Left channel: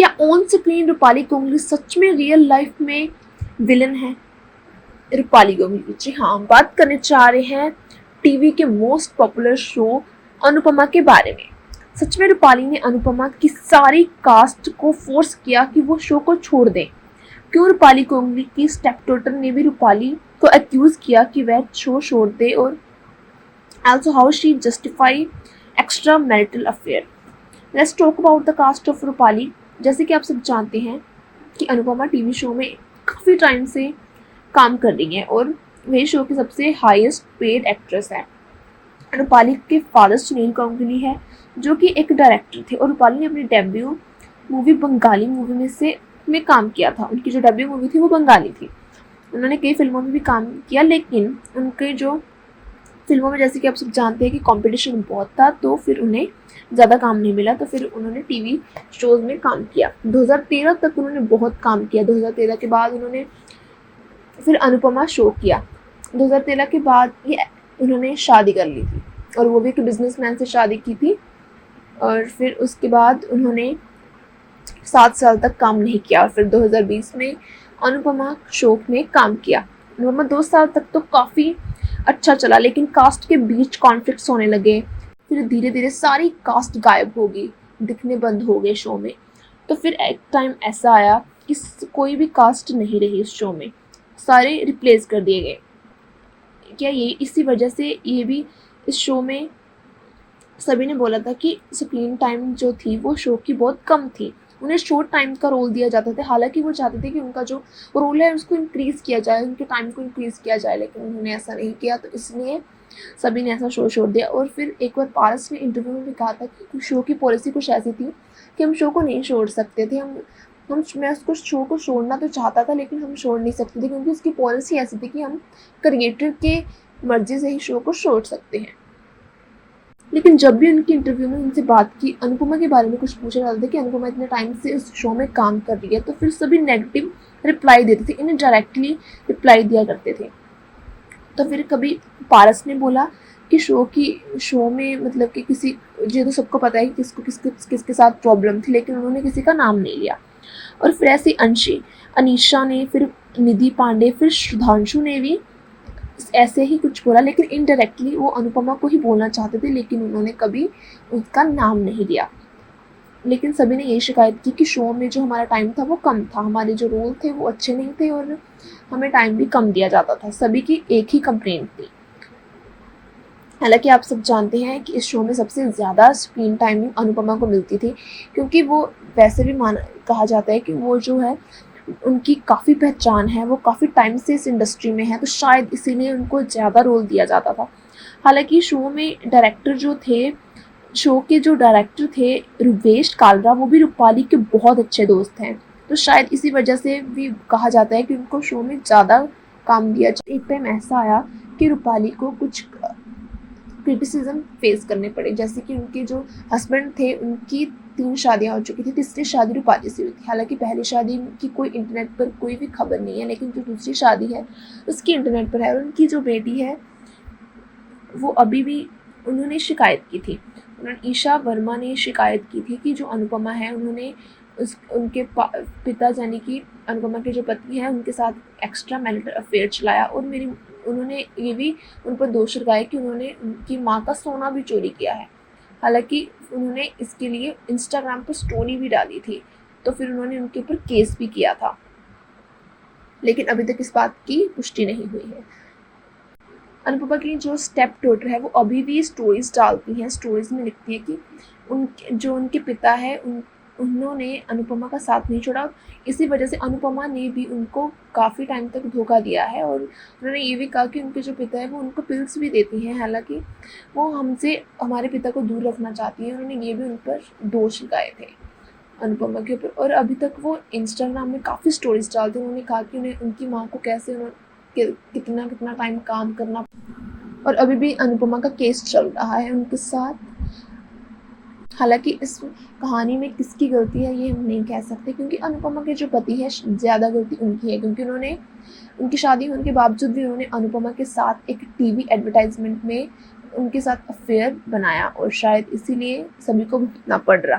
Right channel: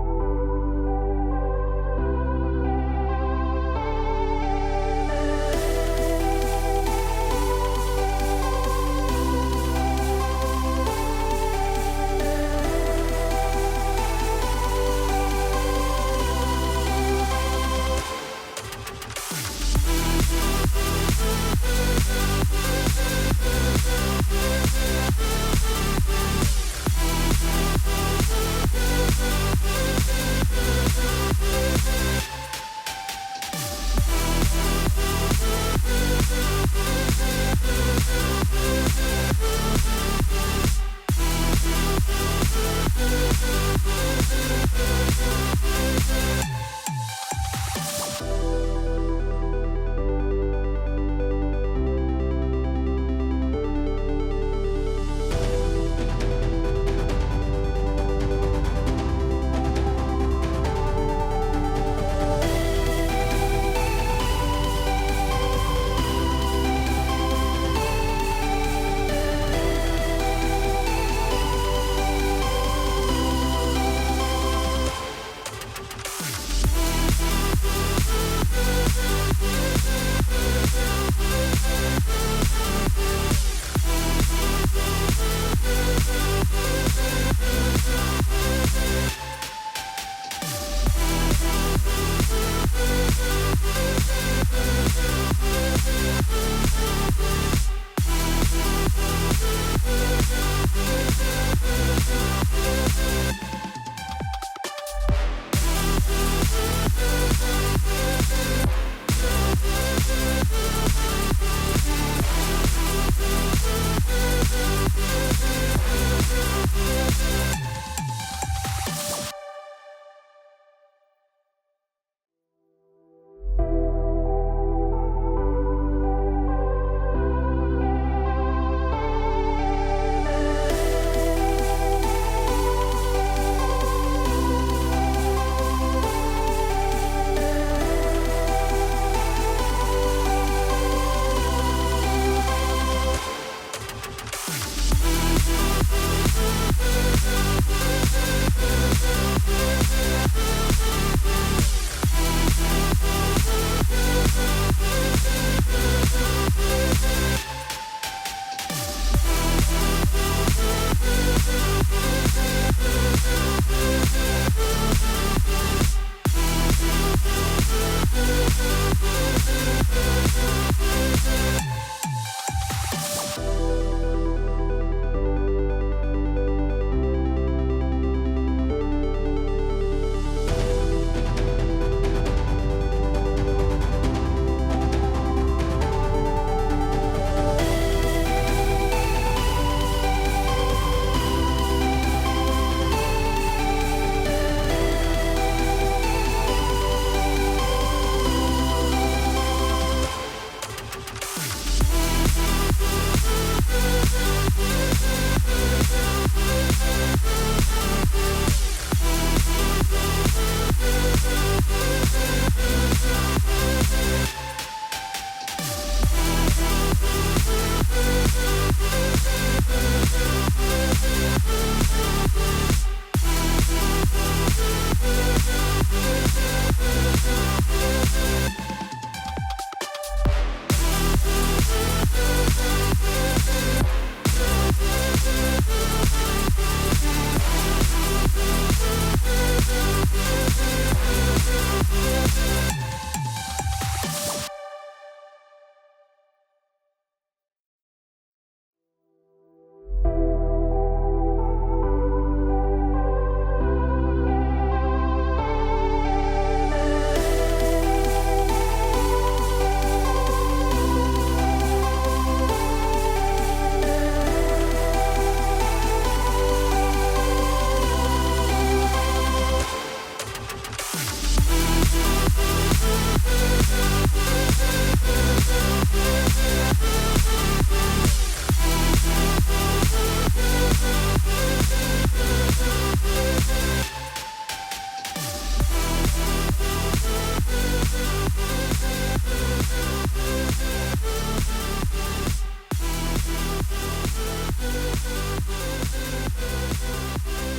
क्या on screen Rupali Ganguly सच में real life में विलन है? रूपाली गांगुली, जी हाँ, बात करने जा रहे हैं टीवी के मोस्ट पॉपुलर शो अनुपमा के बारे में। सच में रूपाली ने अनुपमा की सारी कास्ट को फोर्स किया कि वो शो को छोड़ दें। क्यों रूपाली गांगुली की स्टेप डॉटर ने भी रूपाली को एक्यूज किया कि वह शो छोड़ दे, और also how she justified extramarital affair. Let's talk about the cast of Rupali. जैसे कि आप सब जानते हैं कि अनुपमा टीवी शो में काफी टाइम से काम कर रही है और वह शो की सबसे हाईएस्ट पेड एक्ट्रेस है। रूपाली के फादर सुनील गांगुली है जो कि एक डायरेक्टर थे, और रूपाली ने अपनी डेब्यू मूवी बंगाली मूवी में काम किया था। उनकी जो डेब्यू मूवी थी वो बंगाली थी। उन्होंने कई फिल्मों में भी काम किया, लेकिन उनके जो फिल्मों में, जैसे कि आप सब जानते हैं कि कंपटीशन बहुत था, तो फिर उन्हें ज़्यादा काम नहीं मिला, तो फिर उन्होंने टीवी शोज में काम किया। 2013 तक उन्होंने बहुत काम किया। 2013 के बाद उन्होंने फिर अनुपमा शो किया। 2013 के बाद ही उन्होंने शादी कर ली, और वो भी एक बिजनेसमैन से शादी की थी। और फिर उसके बाद उन्होंने 7 साल तक काम नहीं किया। फिर 2020 में अनुपमा शो में काम किया। 2 साल तक तो काफ़ी अच्छा चला, लेकिन कास्ट के बीच कॉन्फ्लिक्ट्स होने लगे। फिर धीरे धीरे सारी कास्ट गायब हो गई, दिखने बंद हो गए शो में। तो फिर एक टाइम ऐसा आया कि कोई भी कास्ट नहीं रही इस शो में, सारे रिप्लेस कर दिए गए। क्या ये इसी वजह से ये भी इस शो में सभी ने बोला था कि स्क्रीन टाइम जो थी वो शो की बहुत कम थी, उन्हें शॉर्ट टाइम का रोल दिया जाता था। हालांकि वो चाहते थे कि उनका जो रोल है उसको इंक्रीज किया जाए, उनके टाइम को इंक्रीज किया जाए, लेकिन उन्होंने ऐसा नहीं किया, तो इसलिए सभी ने ऐसा शो छोड़ दिया। और फिर एक बार पारस ने इंटरव्यू में कहा था कि शो की पॉलिसी कुछ ऐसी थी कि हम शो को नहीं छोड़ सकते थे। मैं उसको शो को छोड़ना तो चाहता था, लेकिन हम छोड़ नहीं सकते थे, क्योंकि उसकी पॉलिसी ऐसी थी कि हम क्रिएटर के मर्जी से ही शो को छोड़ सकते हैं। लेकिन जब भी उनकी इंटरव्यू में उनसे बात की, अनुपमा के बारे में कुछ पूछा जाता था कि अनुपमा इतने टाइम से इस शो में काम कर रही है, तो फिर सभी नेगेटिव रिप्लाई देते थे, उन्हें डायरेक्टली रिप्लाई दिया करते थे। तो फिर कभी पारस ने बोला कि शो में मतलब कि किसी जो सबको पता है कि किसके साथ प्रॉब्लम थी, लेकिन उन्होंने किसी का नाम नहीं लिया। और फिर ऐसे अनीशा ने, फिर निधि पांडे, फिर सुधांशु ने भी ऐसे ही कुछ बोला, लेकिन इनडायरेक्टली वो अनुपमा को ही बोलना चाहते थे, लेकिन उन्होंने कभी इसका नाम नहीं दिया। लेकिन सभी ने यही शिकायत की कि शो में जो हमारा टाइम था वो कम था, हमारे जो रोल थे वो अच्छे नहीं थे, और हमें टाइम भी कम दिया जाता था। सभी की एक ही कंप्लेंट थी। हालांकि आप सब जानते हैं कि इस शो में सबसे ज़्यादा स्क्रीन टाइम अनुपमा को मिलती थी, क्योंकि वो वैसे भी कहा जाता है कि वो जो है उनकी काफ़ी पहचान है, वो काफ़ी टाइम से इस इंडस्ट्री में है, तो शायद इसीलिए उनको ज़्यादा रोल दिया जाता था। हालांकि शो में डायरेक्टर जो थे, शो के जो डायरेक्टर थे रुदेश कालरा, वो भी रूपाली के बहुत अच्छे दोस्त हैं, तो शायद इसी वजह से भी कहा जाता है कि उनको शो में ज़्यादा काम दिया। एक टाइम ऐसा आया कि रूपाली को कुछ क्रिटिसिज्म फेस करने पड़े, जैसे कि उनके जो हस्बैंड थे उनकी 3 शादियाँ हो चुकी थी, तीसरी शादी रूपाली थी। हालांकि पहली शादी में उनकी कोई इंटरनेट पर कोई भी खबर नहीं है, लेकिन जो दूसरी शादी है उसकी इंटरनेट पर है। और उनकी जो बेटी है वो अभी भी, उन्होंने शिकायत की थी, ईशा वर्मा ने शिकायत की थी कि जो अनुपमा है उन्होंने उनके पिता यानी कि अनुपमा की जो पत्नी है उनके साथ एक्स्ट्रा मैरिटल अफेयर चलाया, और उन्होंने ये भी उन पर दोष लगाया कि उन्होंने उनकी माँ का सोना भी चोरी किया है। हालांकि उन्होंने इसके लिए इंस्टाग्राम पर स्टोरी भी डाली थी, तो फिर उन्होंने उनके ऊपर केस भी किया था, लेकिन अभी तक इस बात की पुष्टि नहीं हुई है। अनुपमा की जो स्टेप डॉटर है वो अभी भी स्टोरीज डालती हैं, स्टोरीज में लिखती है कि उनके पिता है उन्होंने अनुपमा का साथ नहीं छोड़ा। इसी वजह से अनुपमा ने भी उनको काफ़ी टाइम तक धोखा दिया है, और उन्होंने ये भी कहा कि उनके जो पिता है उनको पिल्स भी देती हैं, हालांकि वो हमसे हमारे पिता को दूर रखना चाहते हैं। उन्होंने ये भी उन पर दोष लगाए थे अनुपमा के। और अभी तक वो इंस्टाग्राम में काफ़ी स्टोरीज डालते हैं, उन्होंने कहा कि उनकी माँ को कैसे कितना टाइम काम करना, और अभी भी अनुपमा का केस चल रहा है उनके साथ। हालांकि इस कहानी में किसकी गलती है ये नहीं कह सकते, क्योंकि अनुपमा के जो पति है ज़्यादा गलती उनकी है, क्योंकि उन्होंने उनकी शादी होने के बावजूद भी उन्होंने अनुपमा के साथ एक टीवी एडवर्टाइजमेंट में उनके साथ अफेयर बनाया, और शायद इसीलिए सभी को भुगतना पड़ रहा।